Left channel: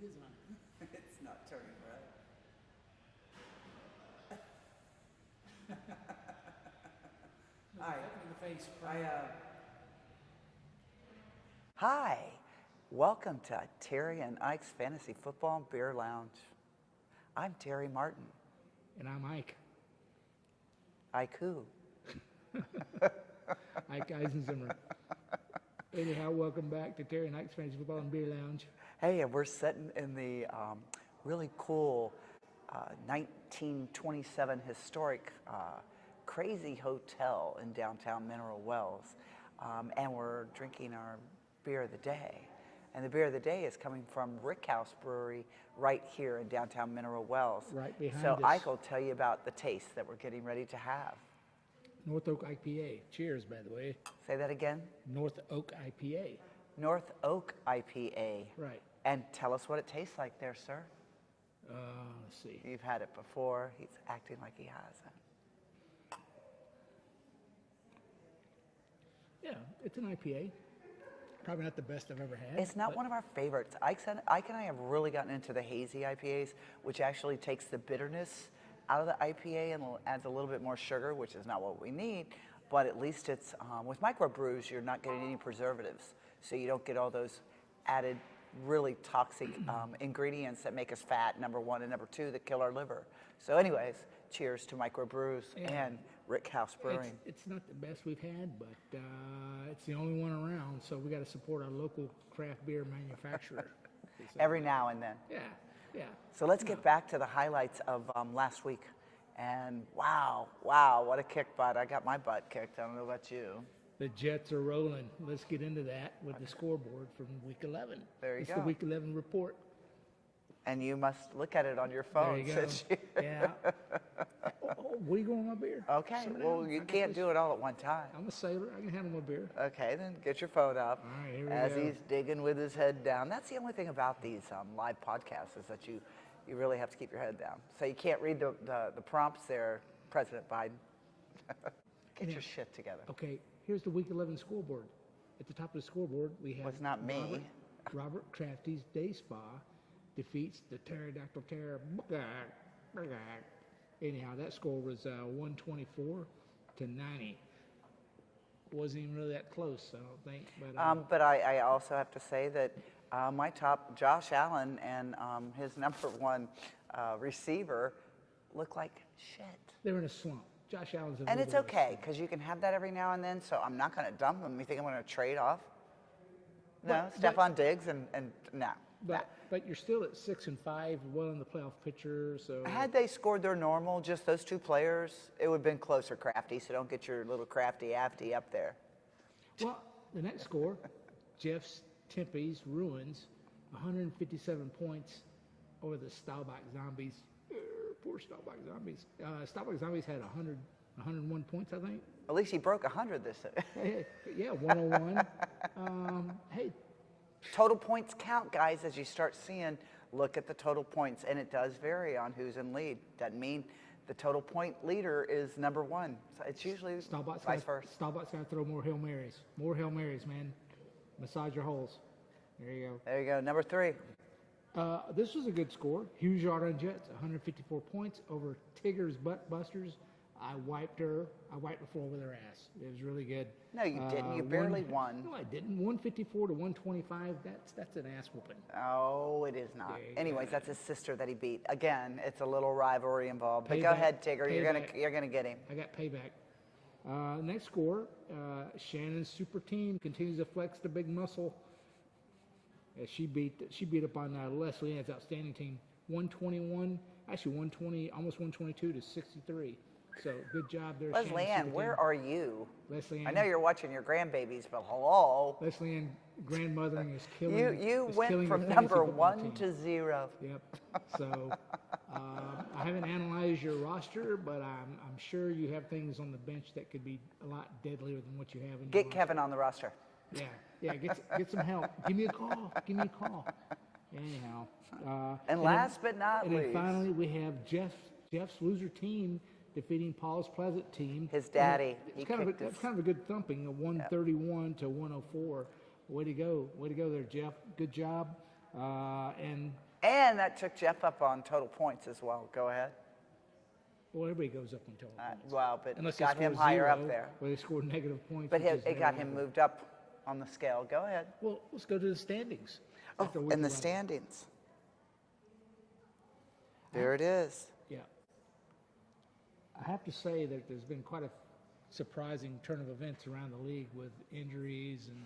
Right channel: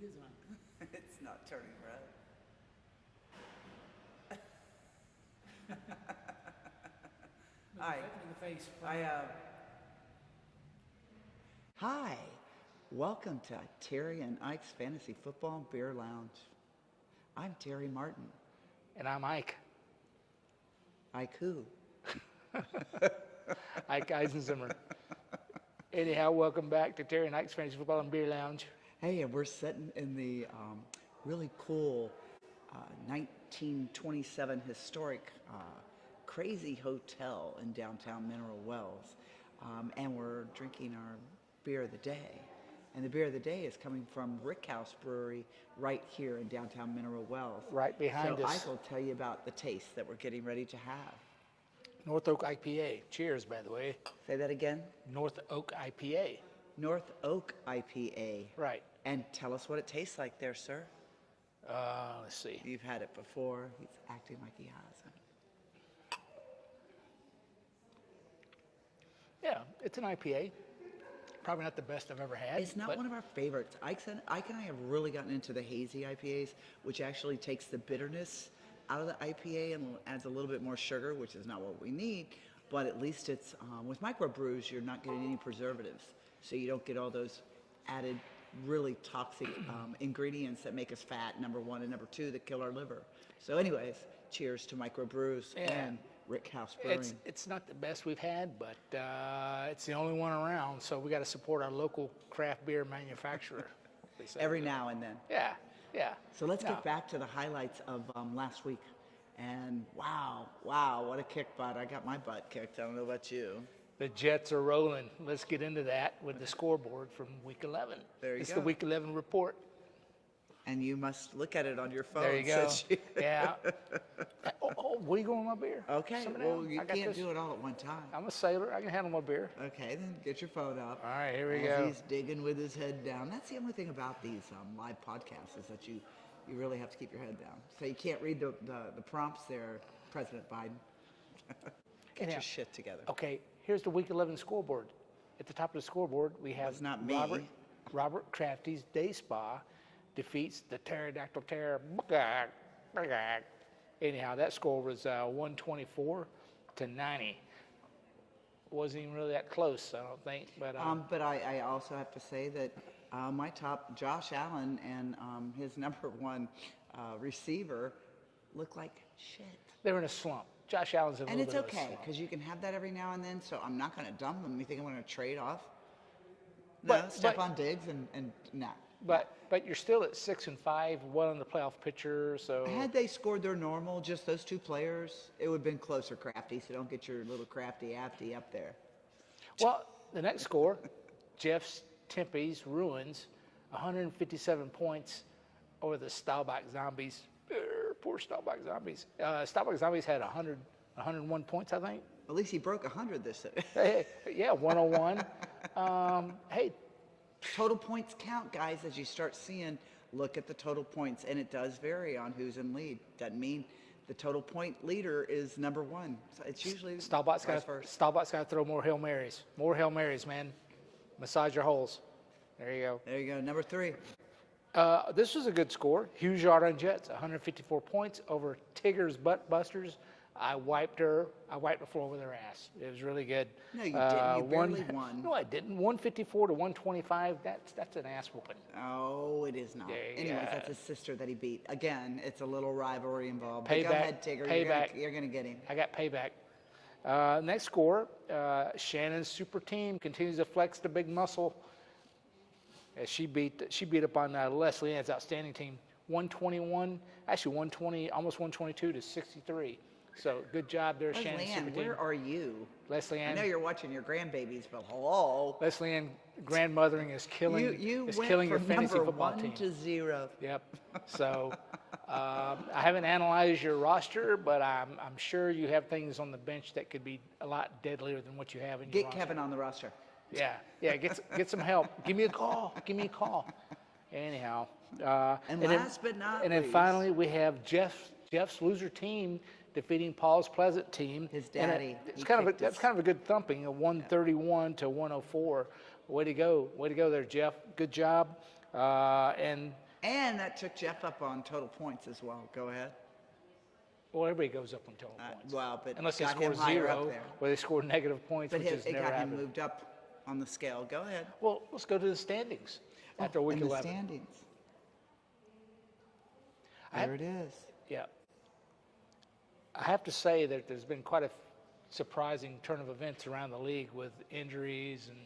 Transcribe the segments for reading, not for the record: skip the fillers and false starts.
It is on. It's not turning red. Hi. Look in the face. Hi. Welcome to Terry and Ike's Fantasy Football and Beer Lounge. I'm Terry Martin. And I'm Ike. Ike who? Ike Eisenzimmer. Anyhow, welcome back to Terry and Ike's Fantasy Football and Beer Lounge. Hey, and we're sitting in the really cool 1927 historic Crazy Hotel in downtown Mineral Wells. And we're drinking our beer of the day. And the beer of the day is coming from Rickhouse Brewery right here in downtown Mineral Wells. Right behind us. So Ike will tell you about the taste that we're getting ready to have. North Oak IPA. Cheers, by the way. Say that again. North Oak IPA. North Oak IPA. Right. And tell us what it tastes like there, sir. Let's see. You've had it before. He's acting like he hasn't. Yeah, it's an IPA. Probably not the best I've ever had. It's not but one of our favorites. Ike and I have really gotten into the hazy IPAs, which actually takes the bitterness out of the IPA and adds a little bit more sugar, which is not what we need. But at least it's, with microbrews, you're not getting any preservatives. So you don't get all those added really toxic ingredients that make us fat, number one, and number two, that kill our liver. So anyways, cheers to microbrews and Rickhouse Brewing. It's not the best we've had, but it's the only one around, so we got to support our local craft beer manufacturer. Every now and then. Yeah. So let's get back to the highlights of last week. And wow, what a kick butt. I got my butt kicked. I don't know about you. The Jets are rolling. Let's get into that with the scoreboard from Week 11. There you It's go. the Week 11 report. And you must look at it on your phone. There you go. since you- Yeah. What are you going with my beer? Okay, Simmer well, down. you I got can't this. do it all at one time. I'm a sailor. I can handle my beer. Okay, then get your phone up. All right, here we As go. he's digging with his head down. That's the only thing about these live podcasts is that you really have to keep your head down. So you can't read the prompts there, President Biden. Get Anyhow, your shit together. Okay, here's the Week 11 scoreboard. At the top of the scoreboard, we have It's not me. Robert Crafty's Day Spa defeats the Pterodactyl Terror. Anyhow, that score was 124-90. Wasn't even really that close, I don't think. But But I also have to say that my top, Josh Allen, and his number one receiver look like shit. they're in a slump. Josh Allen's in a And little it's bit of a okay, slump. because you can have that every now and then, so I'm not going to dump him. You think I'm going to trade off? No, But- Stephon Diggs and no. But you're still at 6-5, well in the playoff picture. So Had they scored their normal, just those two players, it would have been closer, Crafty, so don't get your little crafty-afty up there. well, the next score, Jeff's Tempe's Ruins, 157 points over the Staubach Zombies. Poor Staubach Zombies. Staubach Zombies had 101 points, I think. At least he broke 100 this year. Hey, yeah, 101. Hey, Total points count, guys, as you start seeing, look at the total points, and it does vary on who's in lead. Doesn't mean the total point leader is number one. So it's usually Staubach's vice got versa. to throw more Hail Marys. More Hail Marys, man. Massage your holes. There you go. There you go, number 3. This was a good score. Hughes Yard on Jets, 154 points over Tigger's Butt Busters. I wiped the floor with her ass. It was really good. No, you didn't. You barely won. No, I didn't. 154-125. That's an ass whooping. Oh, it is not. There you Anyways, go. that's his sister that he beat. Again, it's a little rivalry involved. But go Payback, ahead, Tigger. payback. You're gonna get him. I got payback. Next score, Shannon's super team continues to flex the big muscle. As she beat up on Leslie Ann's outstanding team, 120, almost 122 to 63. So good job there, Leslie Shannon's Ann, super where team. are you? Leslie I Ann. know you're watching your grandbabies, but hello. Leslie Ann grandmothering is killing. You is went killing your from fantasy number football 1 team. to 0. Yep. So I haven't analyzed your roster, but I'm sure you have things on the bench that could be a lot deadlier than what you have in your Get roster. Kevin on the roster. Yeah. Get some help. Give me a call. Anyhow. And last but not and then least- finally we have Jeff's loser team defeating Paul's Pleasant team. His daddy. And He it's kind of kicked that's his- kind of a good thumping, a 131 to 104. Way to go there, Jeff. Good job. And And that took Jeff up on total points as well. Go ahead. Well, everybody goes up on total points. Well, but Unless they got him score higher zero, up there. where they score negative points, But which is it never got him happened. moved up on the scale. Go ahead. Well, let's go to the standings. After week And the 11. standings. I- There it is. Yeah. I have to say that there's been quite a surprising turn of events around the league with injuries and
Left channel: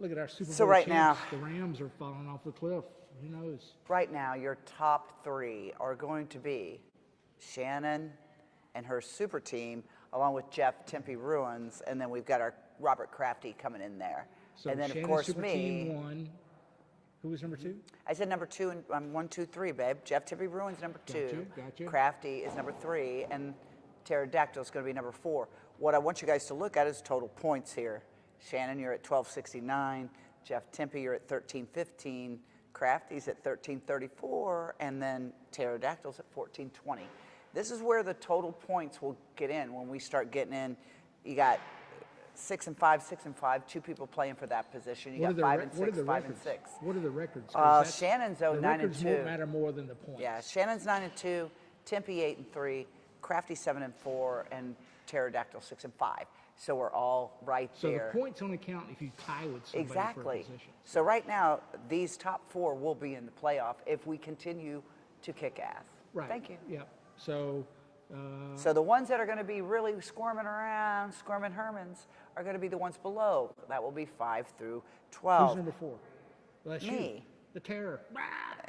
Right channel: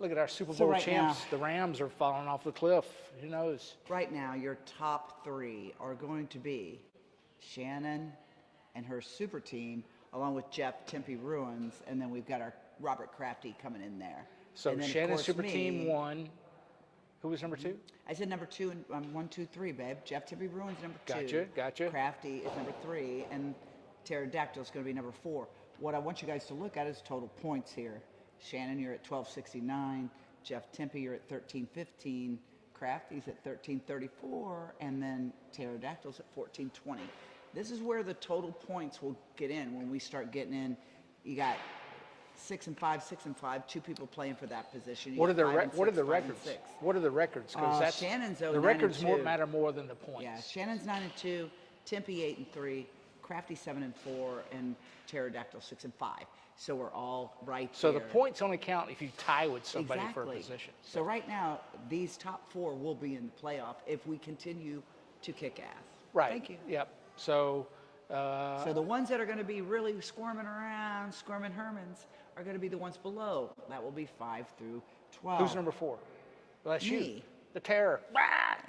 look at our Super Bowl So right champs. now- The Rams are falling off the cliff. Who knows? Right now, your top three are going to be Shannon and her super team, along with Jeff Tempe Ruins, and then we've got our Robert Crafty coming in there. So and then, of Shannon's course, super me. team won. Who was number two? I said number two, and I'm 1, 2, 3, babe. Jeff Tempe Ruins number two. Gotcha. Crafty is number 3, and Pterodactyl is going to be number 4. What I want you guys to look at is total points here. Shannon, you're at 1269. Jeff Tempe, you're at 1315. Crafty's at 1334, and then Pterodactyl's at 1420. This is where the total points will get in when we start getting in. You got 6 and 5, 6 and 5, 2 people playing for that position. You What are got the 5 re- and what are 6, the 5 and records? 6. What are the records? 'Cause Shannon's the 9 records and 2. matter more than the points. Yeah, Shannon's 9 and 2, Tempe 8 and 3, Crafty 7 and 4, and Pterodactyl 6 and 5. So we're all right So there. the points only count if you tie with somebody for a Exactly. position. So right now, these top 4 will be in the playoff if we continue to kick ass. Right. Thank you. Yep. So So the ones that are going to be really squirming around, squirming Hermans, are going to be the ones below. That will be 5 through 12. who's number 4? Well, that's you. Me. The Terror.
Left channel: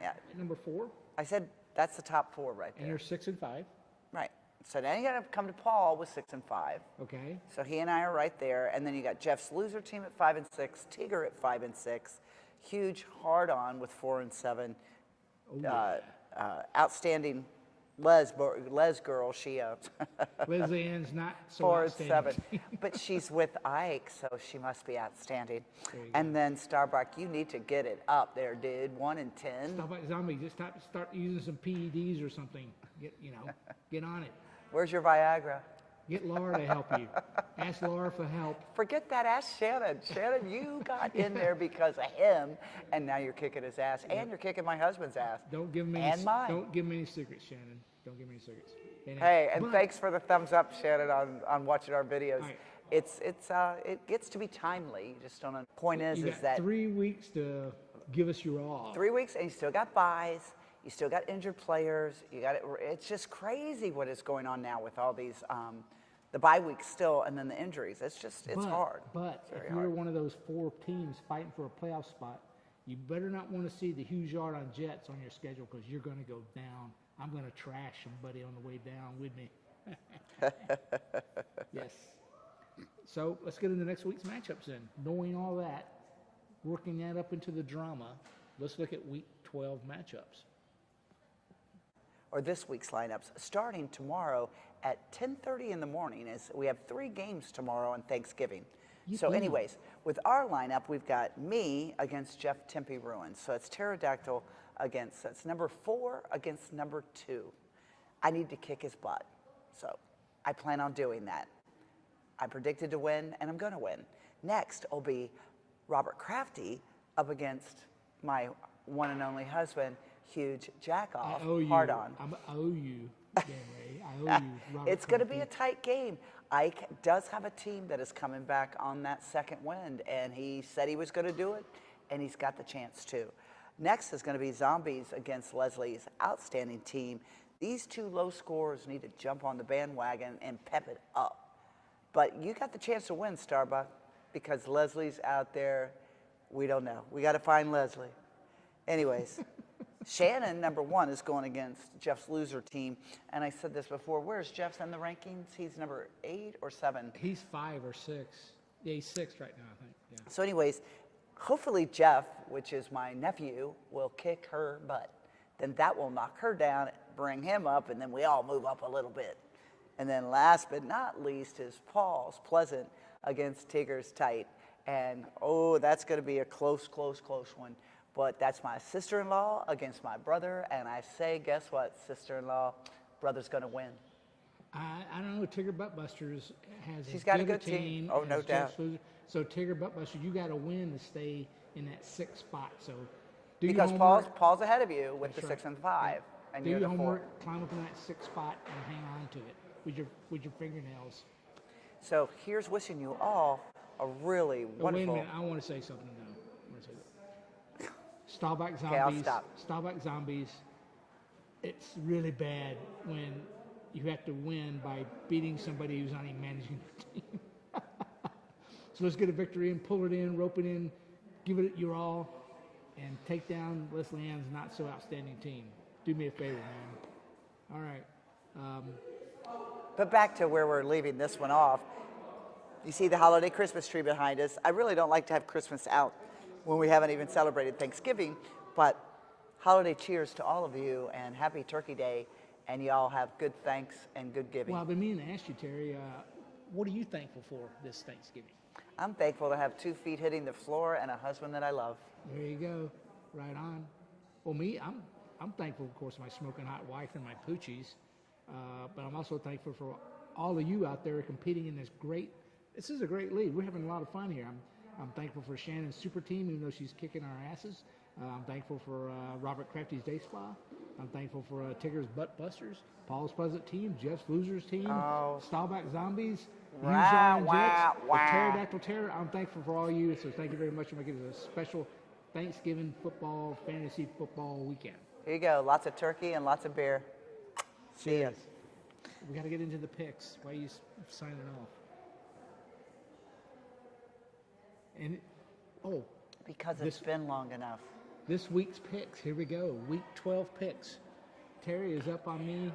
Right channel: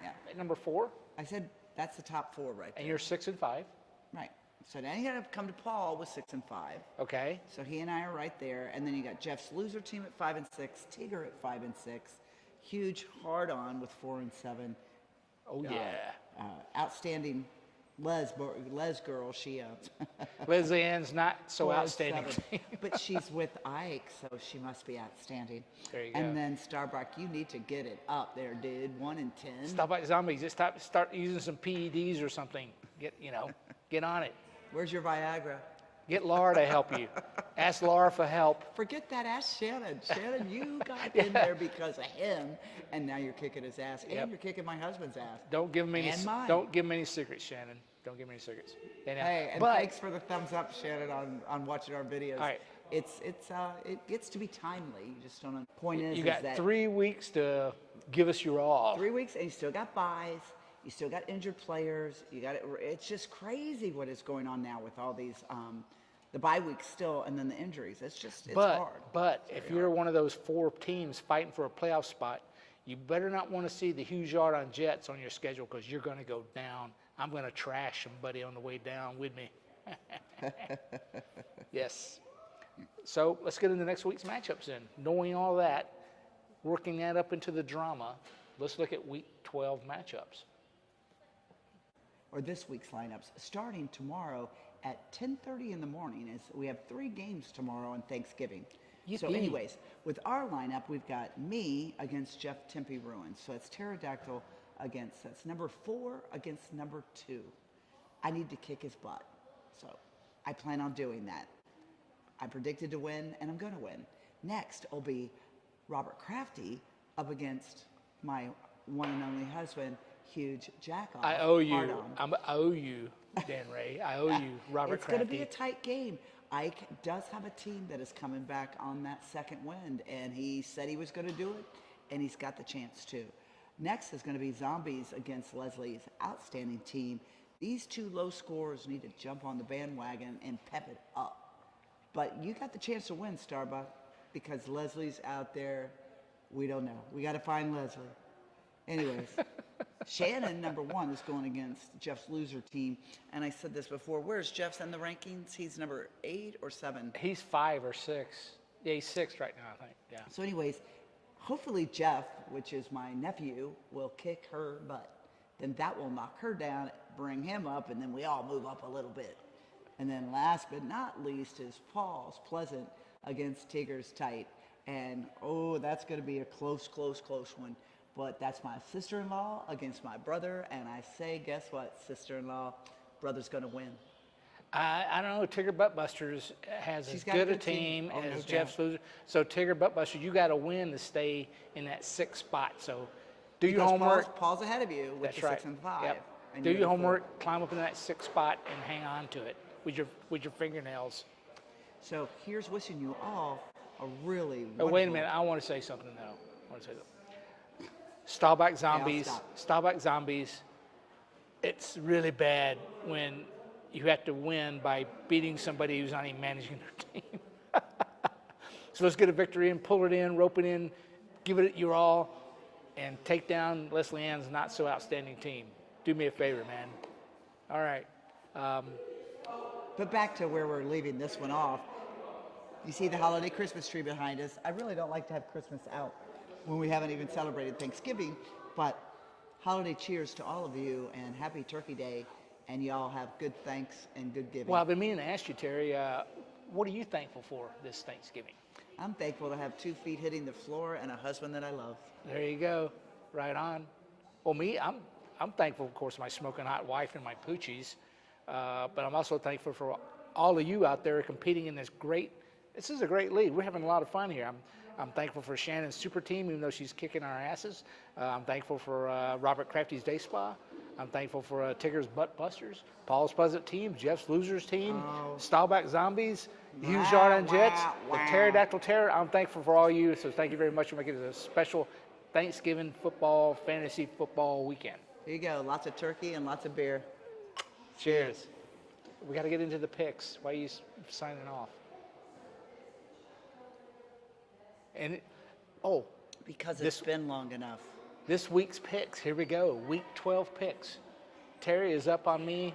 Yeah. Number 4, I said that's the top 4 right there. and you're 6 and 5. Right. So now you got to come to Paul with 6 and 5. Okay. So he and I are right there, and then you got Jeff's loser team at 5 and 6, Tigger at 5 and 6, huge hard on with 4 and 7. Oh yeah. Outstanding Les girl, she Leslie Ann's not so 4 and outstanding. 7, but she's with Ike, so she must be outstanding. There you And go. then Starbuck, you need to get it up there, dude. 1 and 10. Stop like zombies. Just start using some PEDs or something. Get on it. Where's your Viagra? Get Laura to help you. Ask Laura for help. Forget that. Ask Shannon. Shannon, you got in there because of him, and now you're kicking his ass, and you're kicking my husband's ass. Don't give him any. And mine. Don't give him any secrets, Shannon. Don't give him any secrets. And, Hey, and but- thanks for the thumbs up, Shannon, on watching our videos. All right. It gets to be timely. You just don't know. Point is You got that 3 weeks to give us your all. 3 weeks, and you still got buys. You still got injured players. You got it. It's just crazy what is going on now with all these the bye weeks still, and then the injuries. It's hard. But if you're one of those 4 teams fighting for a playoff spot, you better not want to see the huge yard on Jets on your schedule because you're going to go down. I'm going to trash somebody on the way down with me. Yes. So let's get into next week's matchups then. Knowing all that, working that up into the drama, let's look at week 12 matchups. Or this week's lineups, starting tomorrow at 10:30 in the morning. As we have 3 games tomorrow on Thanksgiving. So, Yippee. anyways, with our lineup, we've got me against Jeff Tempe Ruins. So it's Pterodactyl that's number 4 against number 2. I need to kick his butt. So I plan on doing that. I predicted to win, and I'm going to win. Next will be Robert Crafty up against my one and only husband, huge jack-off. I owe you. Hard on. I owe you, Dan Ray. I owe you, Robert. It's going to be a Crafty. tight game. Ike does have a team that is coming back on that second wind, and he said he was going to do it, and he's got the chance to. Next is going to be Zombies against Leslie's outstanding team. These 2 low scorers need to jump on the bandwagon and pep it up. But you got the chance to win, Starbuck, because Leslie's out there. We don't know. We got to find Leslie. Anyways, Shannon, number 1, is going against Jeff's loser team. And I said this before. Where's Jeff's in the rankings? He's number 8 or 7. He's 5 or 6. Yeah, he's 6 right now, I think. Yeah. So anyways, hopefully Jeff, which is my nephew, will kick her butt. Then that will knock her down, bring him up, and then we all move up a little bit. And then last but not least is Paul's Pleasant against Tigger's Tight. And, that's going to be a close one. But that's my sister-in-law against my brother. And I say, guess what, sister-in-law, brother's going to win. I don't know. Tigger Buttbusters has She's as got a good a good team. team Oh, as no Jeff's doubt. loser. So Tigger Buttbusters, you got to win to stay in that 6th spot. So Do your because homework. Paul's ahead of you with That's the right. 6 and 5. Yep. And Do you're your the 4. homework, climb up in that 6th spot, and hang on to it with your fingernails. So here's wishing you all a really wonderful. Oh, wait a minute. I want to say something now. I want to say that. Staubach Zombies. stop. Staubach Zombies. It's really bad when you have to win by beating somebody who's not even managing their team. So let's get a victory and pull it in, rope it in, give it your all, and take down Leslie Ann's not so outstanding team. Do me a favor, man. All right. But back to where we're leaving this one off. You see the holiday Christmas tree behind us. I really don't like to have Christmas out when we haven't even celebrated Thanksgiving, but holiday cheers to all of you and happy Turkey Day, and y'all have good thanks and good giving. Well, I've been meaning to ask you, Terry, what are you thankful for this Thanksgiving? I'm thankful to have 2 feet hitting the floor and a husband that I love. There you go. Right on. Well, me, I'm thankful, of course, my smoking hot wife and my poochies, but I'm also thankful for all of you out there competing in this is a great league. We're having a lot of fun here. I'm thankful for Shannon's super team, even though she's kicking our asses. I'm thankful for Robert Crafty's Day Spa. I'm thankful for Tigger's Butt Busters, Paul's Pleasant Team, Jeff's Losers Team, Staubach Zombies, Hughes Yard and Jets, the Pterodactyl Terror. I'm thankful for all you, so thank you very much for making it a special Thanksgiving football, fantasy football weekend. Here you go. Lots of turkey and lots of beer. Cheers. We got to get into the picks. Why are you signing off? And Because it's been long enough. this week's picks. Here we go. Week 12 picks. Terry is up on me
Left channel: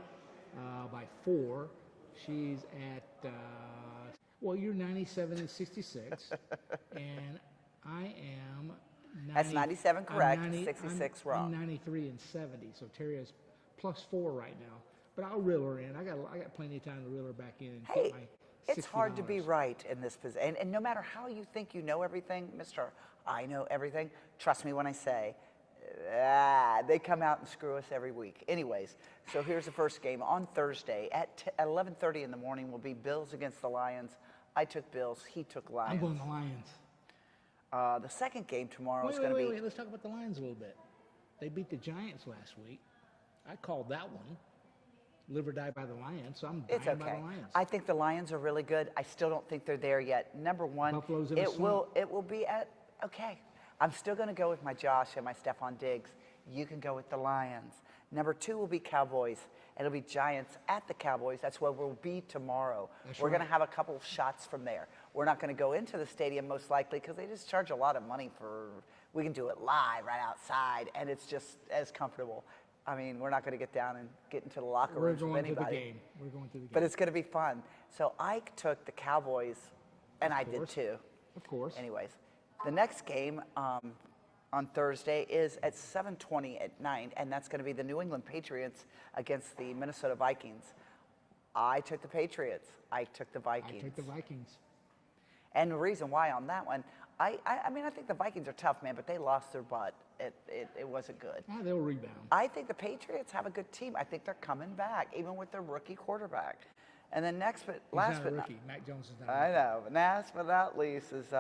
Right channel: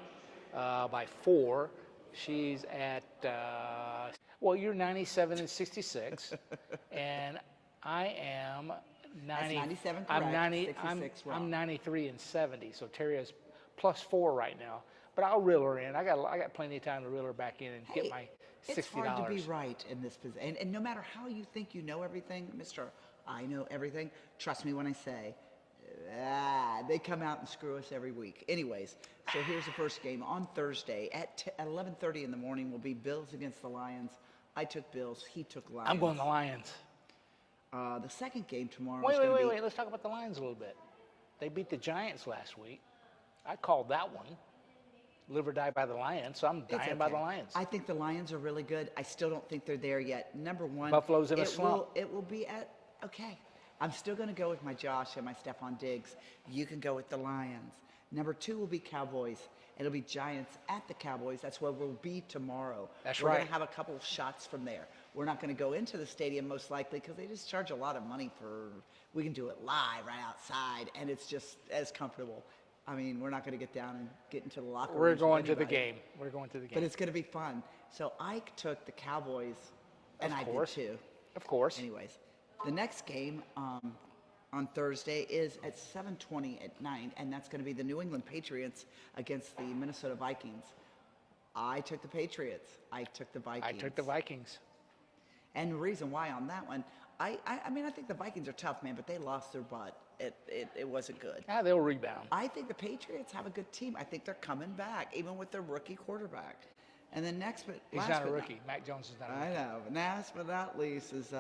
by 4. She's at you're 97 and 66, and I am 90. That's 97 I'm correct, 90, 66 I'm wrong. 93 and 70. So Terry is +4 right now. But I'll reel her in. I got plenty of time to reel her back in and get my $60. It's hard to be right in this position. And no matter how you think you know everything, Mr. I know everything, trust me when I say, they come out and screw us every week. Anyways, so here's the first game. On Thursday at 11:30 in the morning will be Bills against the Lions. I took Bills. He took Lions. I'm going the Lions. The second game tomorrow is Wait, going to be... wait. Let's talk about the Lions a little bit. They beat the Giants last week. I called that one. Live or die by the Lions, so I'm It's dying by the okay. Lions. I think the Lions are really good. I still don't think they're there yet. Number one, Buffalo's in a slump. It will be at, okay. I'm still going to go with my Josh and my Stephon Diggs. You can go with the Lions. Number 2 will be Cowboys. It'll be Giants at the Cowboys. That's where we'll be tomorrow. That's We're right. going to have a couple shots from there. We're not going to go into the stadium most likely because they just charge a lot of money we can do it live right outside, and it's just as comfortable. I mean, we're not going to get down and get into the locker room. We're going to the game. We're going to the game. But it's going to be fun. So Ike took the Cowboys, and I did too. Of course. Anyways, the next game on Thursday is at 7:20 at night, and that's going to be the New England Patriots against the Minnesota Vikings. I took the Patriots. Ike took the Vikings. I took the Vikings. And the reason why on that one, I mean, I think the Vikings are tough, man, but they lost their butt. It wasn't good. Yeah, they'll rebound. I think the Patriots have a good team. I think they're coming back, even with their rookie quarterback. And then next, but He's last not a but rookie. Mac Jones is not a I rookie. know. Last but not least is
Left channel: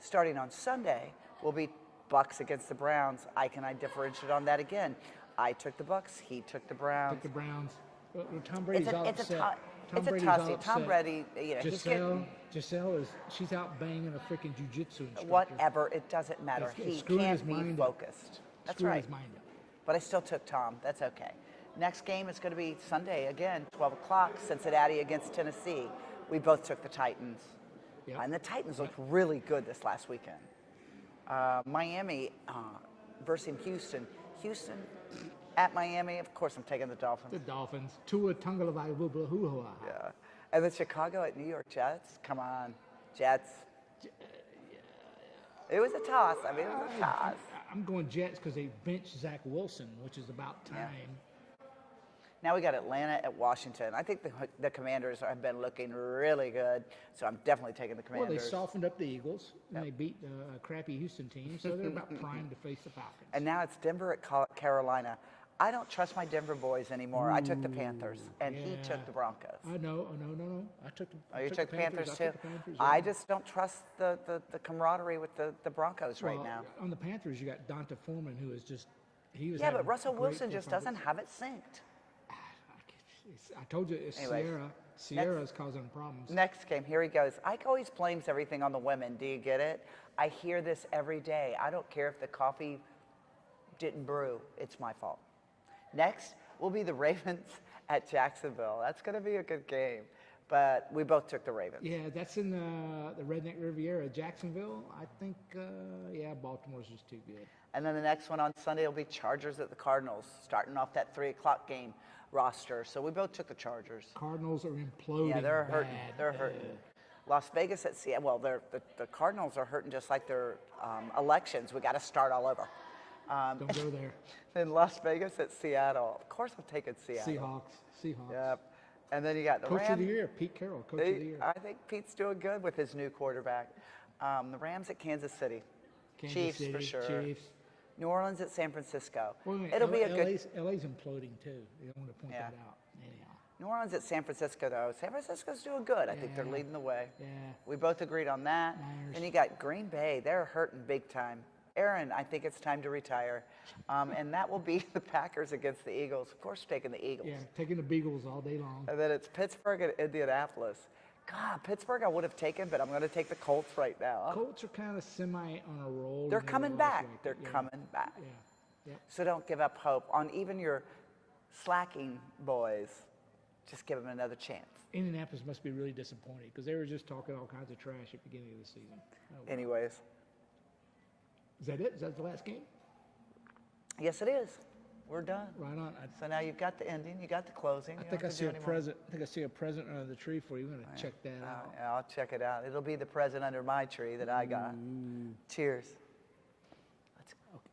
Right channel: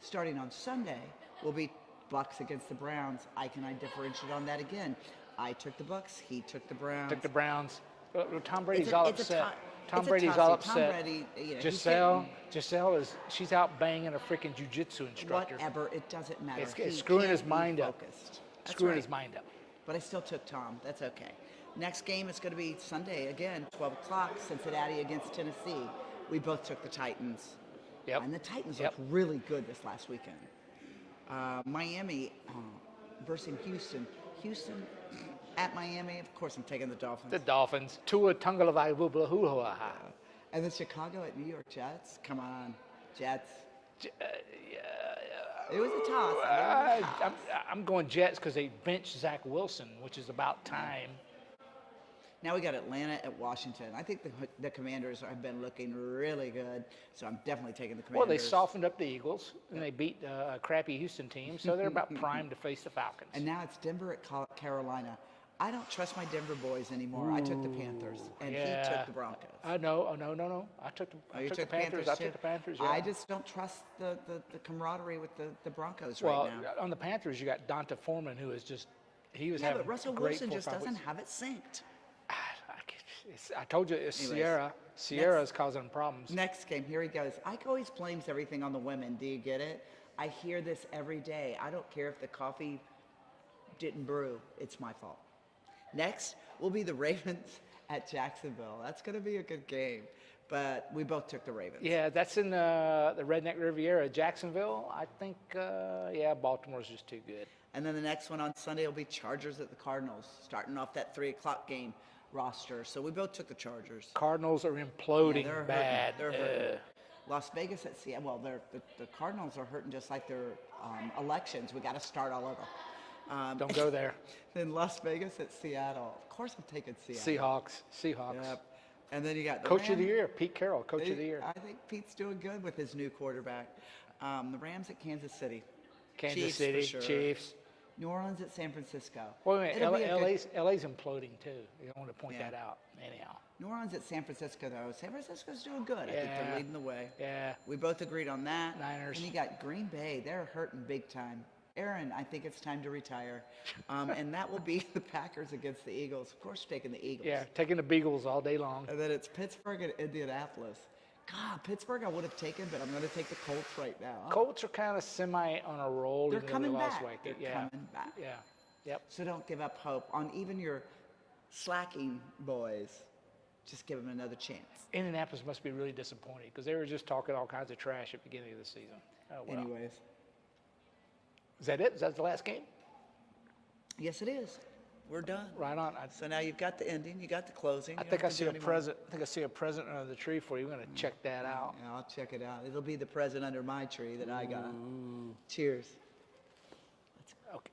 starting on Sunday will be Bucks against the Browns. Ike and I differentiated on that again. I took the Bucks. He took the Browns. Took the Browns. Tom Brady's all upset. Tom it's a Brady's all toss-up. upset. Tom Brady, you know, he's Giselle she's out banging a freaking jujitsu instructor. whatever. It doesn't matter. It's He screwing can't his be mind up. focused. That's Screwing right. his mind up. But I still took Tom. That's okay. Next game is going to be Sunday again, 12 o'clock, Cincinnati against Tennessee. We both took the Titans. Yep. And the Titans Yep. looked really good this last weekend. Miami versus Houston. Houston at Miami. Of course, I'm taking the Dolphins. The Dolphins. Tua Tagovailoa. And the Chicago at New York Jets. Come on, Jets. It was a toss. I mean, it was a toss. I'm going Jets because they benched Zach Wilson, which is about time. Now we got Atlanta at Washington. I think the Commanders have been looking really good, so I'm definitely taking the Well, Commanders. they softened up the Eagles, and they beat a crappy Houston team, so they're about primed to face the Falcons. And now it's Denver at Carolina. I don't trust my Denver boys anymore. I took the Panthers, and he Yeah. took the Broncos. No. Oh, no. I took the, Oh, I you took took the Panthers. I too? took the Panthers. I Yeah. just don't trust the camaraderie with the Broncos Well, right now. on the Panthers, you got Donta Foreman, who is just, he was Yeah, having but Russell a great Wilson 4 or just 5 doesn't weeks. have it synced. I told you, it's Anyways, Sierra. Sierra's causing problems. Next game, here he goes. Ike always blames everything on the women. Do you get it? I hear this every day. I don't care if the coffee didn't brew. It's my fault. Next will be the Ravens at Jacksonville. That's going to be a good game. But we both took the Ravens. Yeah, that's in the Redneck Riviera, Jacksonville. I think, Baltimore's just too good. And then the next one on Sunday will be Chargers at the Cardinals, starting off that 3 o'clock game roster. So we both took the Chargers. Cardinals are imploding they're bad. hurting. They're hurting. Las Vegas at Seattle. Well, the Cardinals are hurting just like their elections. We got to start all over. Don't go there. Then Las Vegas at Seattle. Of course, I'm taking Seattle. Seahawks. Yep. And then you got the Coach of the Rams. year, Pete Carroll, Coach of the year. I think Pete's doing good with his new quarterback. The Rams at Kansas City. Kansas Chiefs, City, for sure. Chiefs. New Orleans at San Francisco. Wait a minute, It'll be a good. LA's imploding too. You don't want to point Yeah. that out. Anyhow. New Orleans at San Francisco, though. San Francisco's doing good. I think Yeah. they're leading the way. Yeah. We both agreed on that. Niners. And you got Green Bay. They're hurting big time. Aaron, I think it's time to retire. And that will be the Packers against the Eagles. Of course, taking the Eagles. Yeah, taking the Beagles all day long. And then it's Pittsburgh and Indianapolis. God, Pittsburgh I would have taken, but I'm going to take the Colts right now. Colts are kind of semi on a roll. They're even though coming they lost back. weight. They're Yeah. coming back. Yeah. Yep. So don't give up hope on even your slacking boys. Just give them another chance. Indianapolis must be really disappointed because they were just talking all kinds of trash at the beginning of the season. Oh, well. Anyways, Is that it? Is that the last game? yes, it is. We're done. Right on. So now you've got the ending, you got the closing. I you think don't I have to see do a any more. present. I think I see a present under the tree for you. We're gonna check that out. Yeah, I'll check it out. It'll be the present under my tree that I got. Cheers. Okay.